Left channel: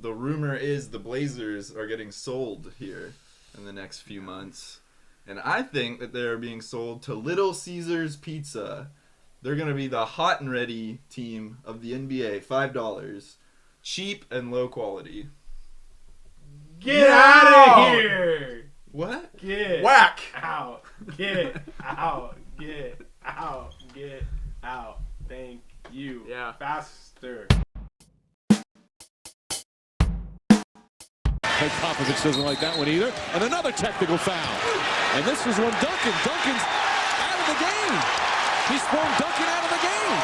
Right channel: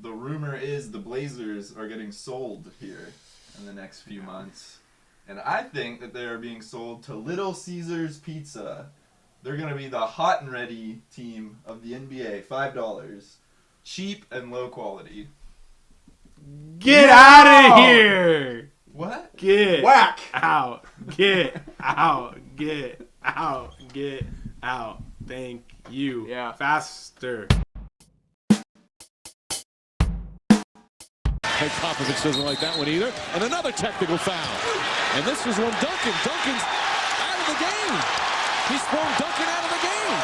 The rumor is the Blazers are getting sold here in the next few months. And I think that they're being sold to Little Caesars Pizza. They're going to be the hot and ready team of the NBA. $5. Cheap and low quality. Get out of here! What? Get Whack! out. Get out. Get out. Get out. Thank you. Yeah. Faster. Hey, Popovich doesn't like that one either. And another technical foul. And this is when Duncan's out of the game. He's thrown Duncan out of the game.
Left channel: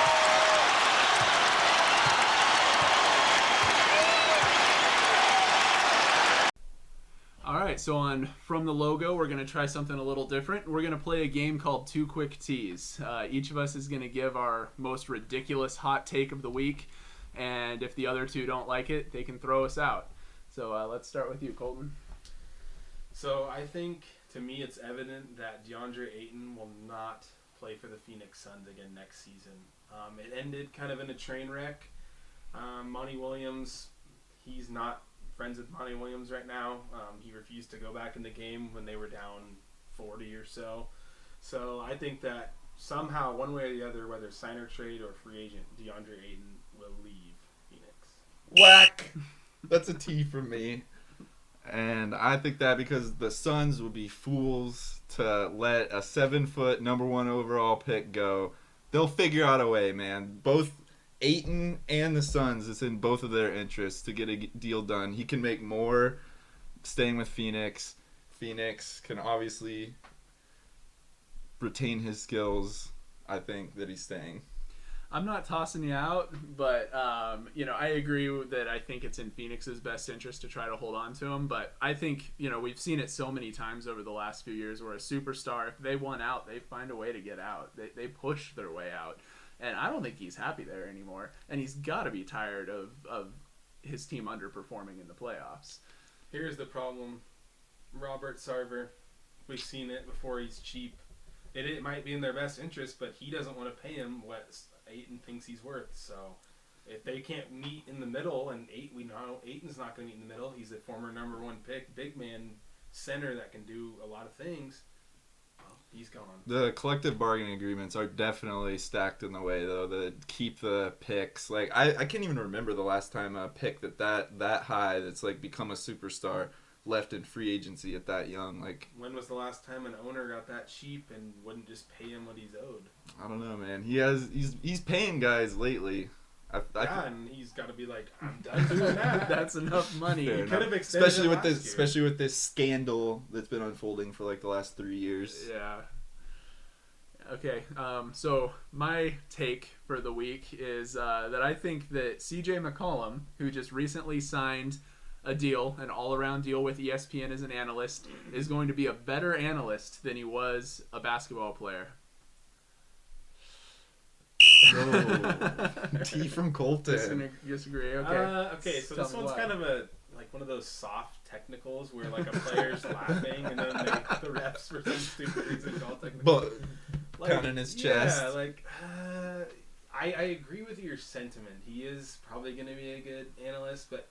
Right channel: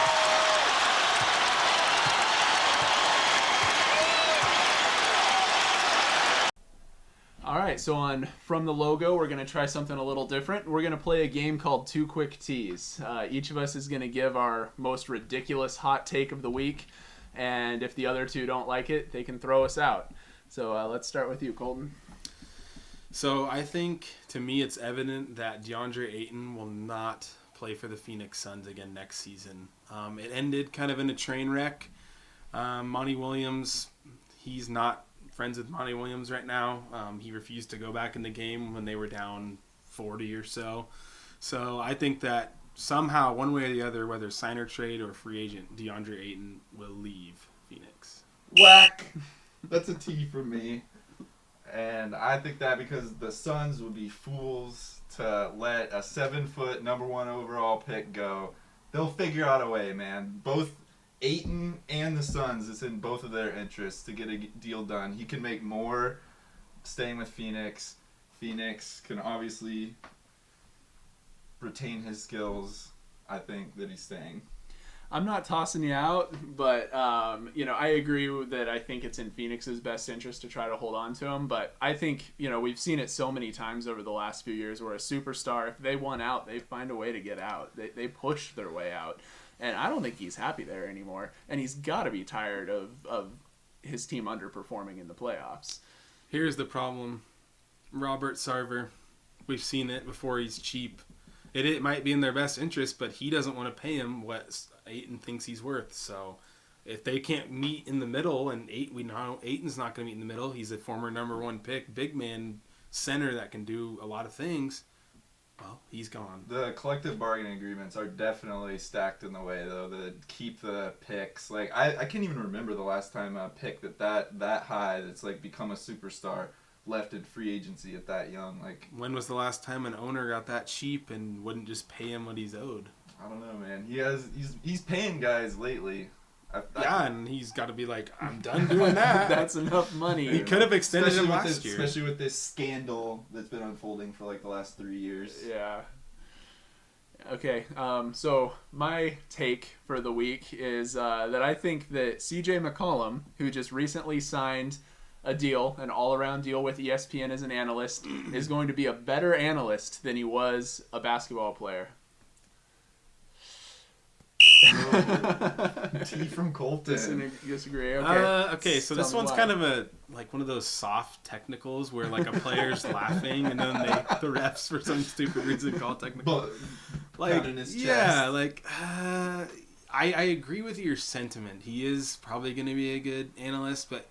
All right, so from the logo, we're going to try something a little different. We're going to play a game called Two Quick Teas. Each of us is going to give our most ridiculous hot take of the week, and if the other two don't like it, they can throw us out. So let's start with you, Colton. So I think, to me, it's evident that Deandre Ayton will not play for the Phoenix Suns again next season. It ended kind of in a train wreck. Monty Williams, he's not friends with Monty Williams right now. He refused to go back in the game when they were down 40 or so. So I think that somehow, one way or the other, whether sign or trade or free agent, Deandre Ayton will leave Phoenix. Whack! That's a T for me. And I think that because the Suns would be fools to let a 7-foot number 1 overall pick go. They'll figure out a way, man. Both Ayton and the Suns, it's in both of their interests to get a deal done. He can make more staying with Phoenix. Phoenix can obviously retain his skills. I think that he's staying. I'm not tossing you out, but I agree that I think it's in Phoenix's best interest to try to hold on to him. But I think we've seen it so many times over the last few years where a superstar, if they want out, they find a way to get out. They push their way out, and I don't think he's happy there anymore. And he's got to be tired of his team underperforming in the playoffs. Here's the problem. Robert Sarver, we've seen it before. He's cheap. It might be in their best interest, but he doesn't want to pay him what Ayton thinks he's worth. So if they can't meet in the middle, and we know Ayton's not going to meet in the middle. He's a former number 1 pick, big man center that can do a lot of things. Well, he's gone. The collective bargaining agreements are definitely stacked in the way, though, that keep the picks. Like, I can't even remember the last time a pick that high that's, like, become a superstar left in free agency at that young. Like, when was the last time an owner got that cheap and wouldn't just pay him what he's owed? I don't know, man. He's paying guys lately. And he's got to be like, I'm done doing that. That's enough money. He could have extended him last year. Especially with this scandal that's been unfolding for like the last 3 years. Yeah. Okay, so my take for the week is that I think that CJ McCollum, who just recently signed a deal, an all-around deal with ESPN as an analyst, is going to be a better analyst than he was a basketball player. T from Coleton. Disagree. Okay, so this one's kind of one of those soft technicals where like a player's laughing and then the refs for some stupid reason call technical. But in his chest. Yeah, I agree with your sentiment. He is probably going to be a good analyst, but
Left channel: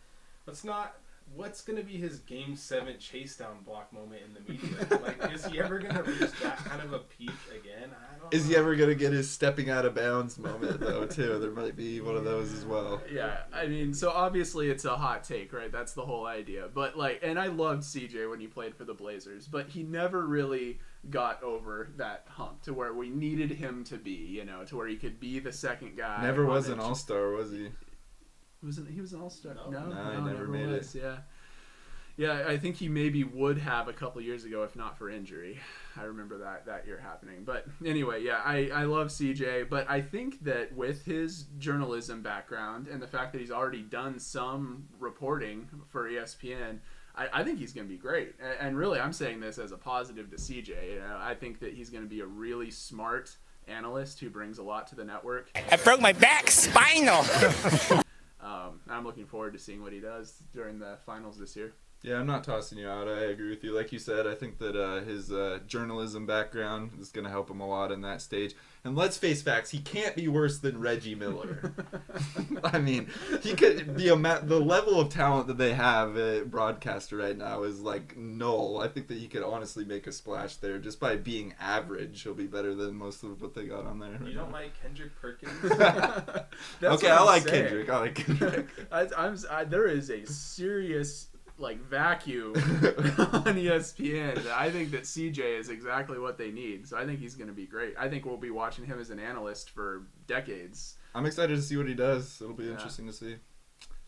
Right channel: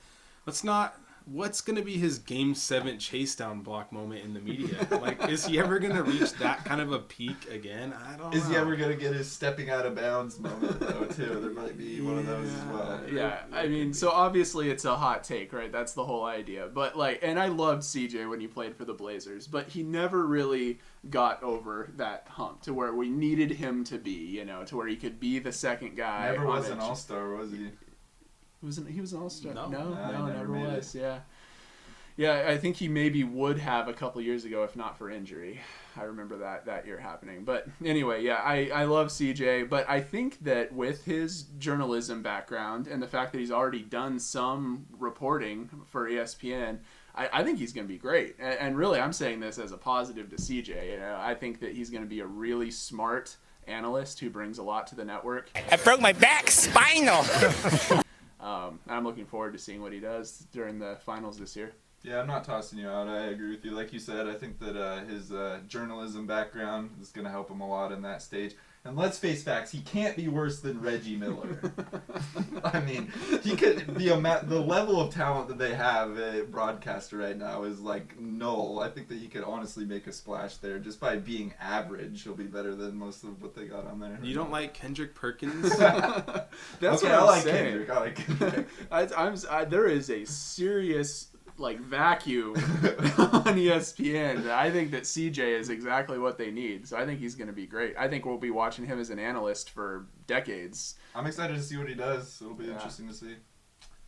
what's going to be his Game 7 chase down block moment in the media? Like, is he ever going to reach that kind of a peak again? I don't know. Is he ever going to get his stepping out of bounds moment, though, too? There might be one of those as well. Yeah, I mean, so obviously it's a hot take, right? That's the whole idea. But, and I loved CJ when he played for the Blazers, but he never really got over that hump to where we needed him to be, to where he could be the second guy. Never was an all-star, was he? He was an all-star. No, never was. Yeah. Yeah, I think he maybe would have a couple years ago if not for injury. I remember that year happening. But anyway, yeah, I love CJ, but I think that with his journalism background and the fact that he's already done some reporting for ESPN, I think he's going to be great. And really, I'm saying this as a positive to CJ. I think that he's going to be a really smart analyst who brings a lot to the network. I broke my back, spinal. I'm looking forward to seeing what he does during the finals this year. Yeah, I'm not tossing you out. I agree with you. Like you said, I think that his journalism background is going to help him a lot in that stage. And let's face facts, he can't be worse than Reggie Miller. I mean, he could. The level of talent that they have at broadcaster right now is like null. I think that he could honestly make a splash there just by being average. He'll be better than most of what they got on there. You don't like Kendrick Perkins? Okay, I like Kendrick. I like Kendrick. There is a serious vacuum on ESPN. I think that CJ is exactly what they need. So I think he's going to be great. I think we'll be watching him as an analyst for decades. I'm excited to see what he does. It'll be interesting to see.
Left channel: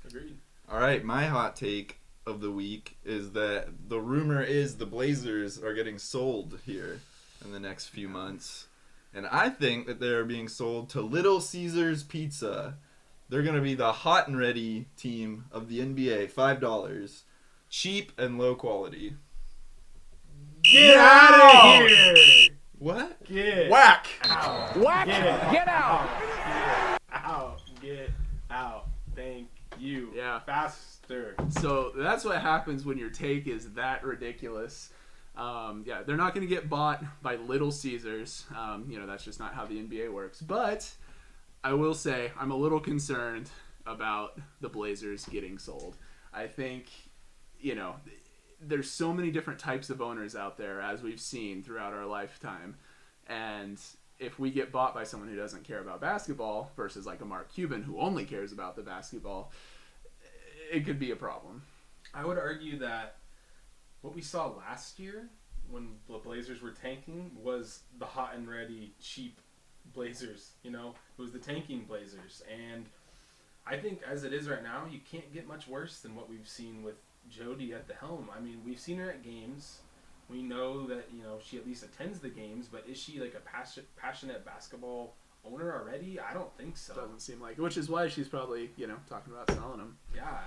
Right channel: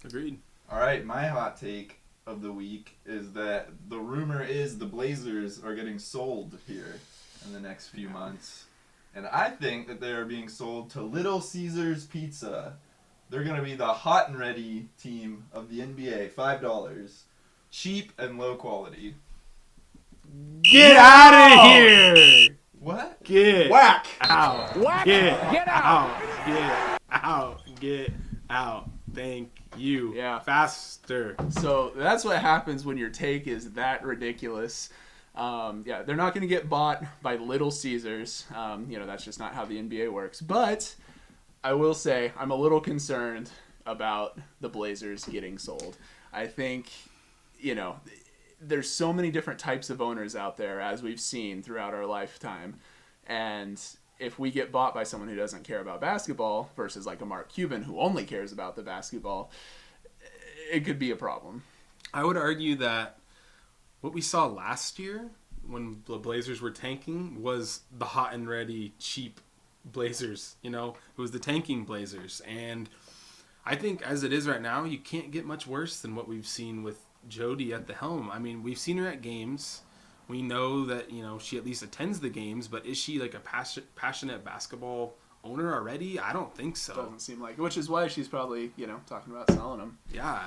Agreed. All right, my hot take of the week is that the rumor is the Blazers are getting sold here in the next few months. And I think that they're being sold to Little Caesars Pizza. They're going to be the hot and ready team of the NBA. $5. Cheap and low quality. Get out of here! What? Get Whack! out! Whack! Get out! Get out! Get out! Thank you. Yeah. Faster. So that's what happens when your take is that ridiculous. They're not going to get bought by Little Caesars. That's just not how the NBA works. But I will say I'm a little concerned about the Blazers getting sold. I think, there's so many different types of owners out there, as we've seen throughout our lifetime. And if we get bought by someone who doesn't care about basketball versus like a Mark Cuban who only cares about the basketball, it could be a problem. I would argue that what we saw last year when the Blazers were tanking was the hot and ready, cheap Blazers. It was the tanking Blazers. And I think as it is right now, you can't get much worse than what we've seen with Jody at the helm. I mean, we've seen her at games. We know that, she at least attends the games, but is she like a passionate basketball owner already? I don't think so. Doesn't seem like it, which is why she's probably, talking about selling them. Yeah,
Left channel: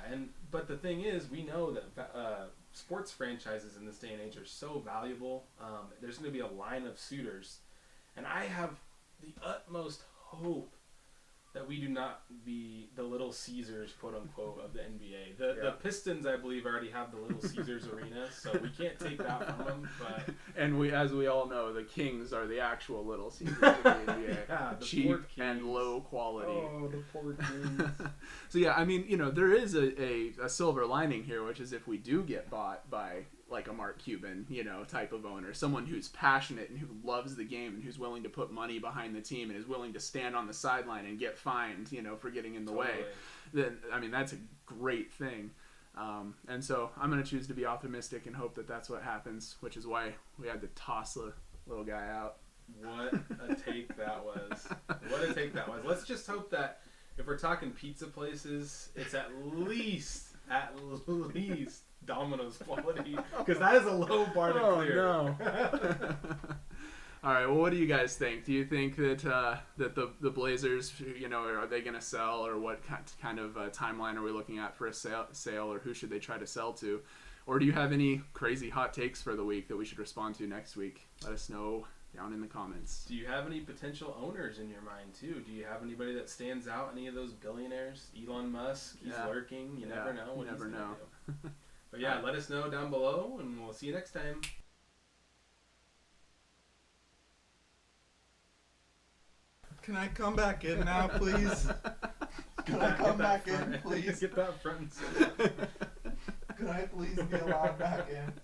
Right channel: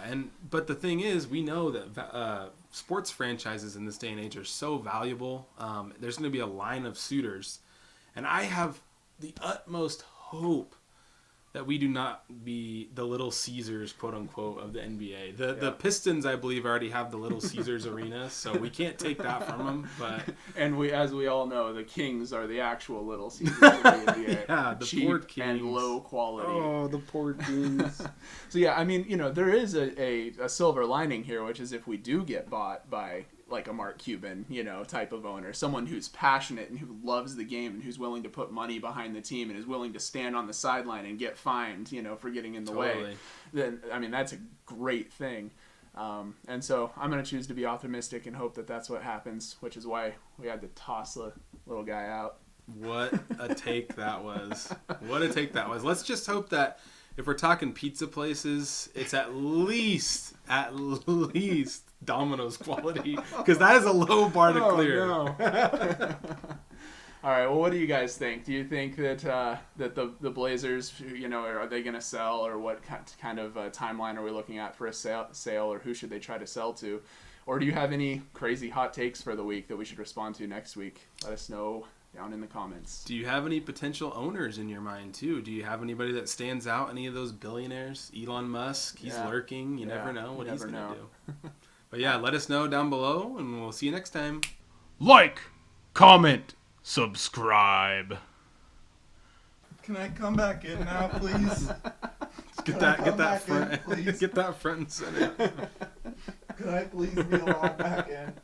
but the thing is, we know that sports franchises in this day and age are so valuable. There's going to be a line of suitors, and I have the utmost hope that we do not be the Little Caesars, quote unquote, of the NBA. The Pistons, I believe, already have the Little Caesars arena, so we can't take that from them. But as we all know, the Kings are the actual Little Caesars of the NBA. Yeah, the cheap poor Kings and low quality. Oh, the poor Kings. So yeah, I mean, there is a silver lining here, which is if we do get bought by like a Mark Cuban, type of owner, someone who's passionate and who loves the game and who's willing to put money behind the team and is willing to stand on the sideline and get fined, for getting in the way, then, I mean, that's a great thing. And so I'm going to choose to be optimistic and hope that that's what happens, which is why we had to toss the little guy out. What a take that was. What a take that was. Let's just hope that if we're talking pizza places, it's at least Domino's quality, because that is a low bar to clear. No. All right. Well, what do you guys think? Do you think that the Blazers, are they going to sell, or what kind of timeline are we looking at for a sale, or who should they try to sell to, or do you have any crazy hot takes for the week that we should respond to next week? Let us know down in the comments. Do you have any potential owners in your mind too? Do you have anybody that stands out? Any of those billionaires? Elon Musk, he's lurking. You never know what he's going to do. But yeah, let us know down below, and we'll see you next time. Like, comment, subscribe. Can I come back in now, please? Get that front and center. Could I please be allowed back in?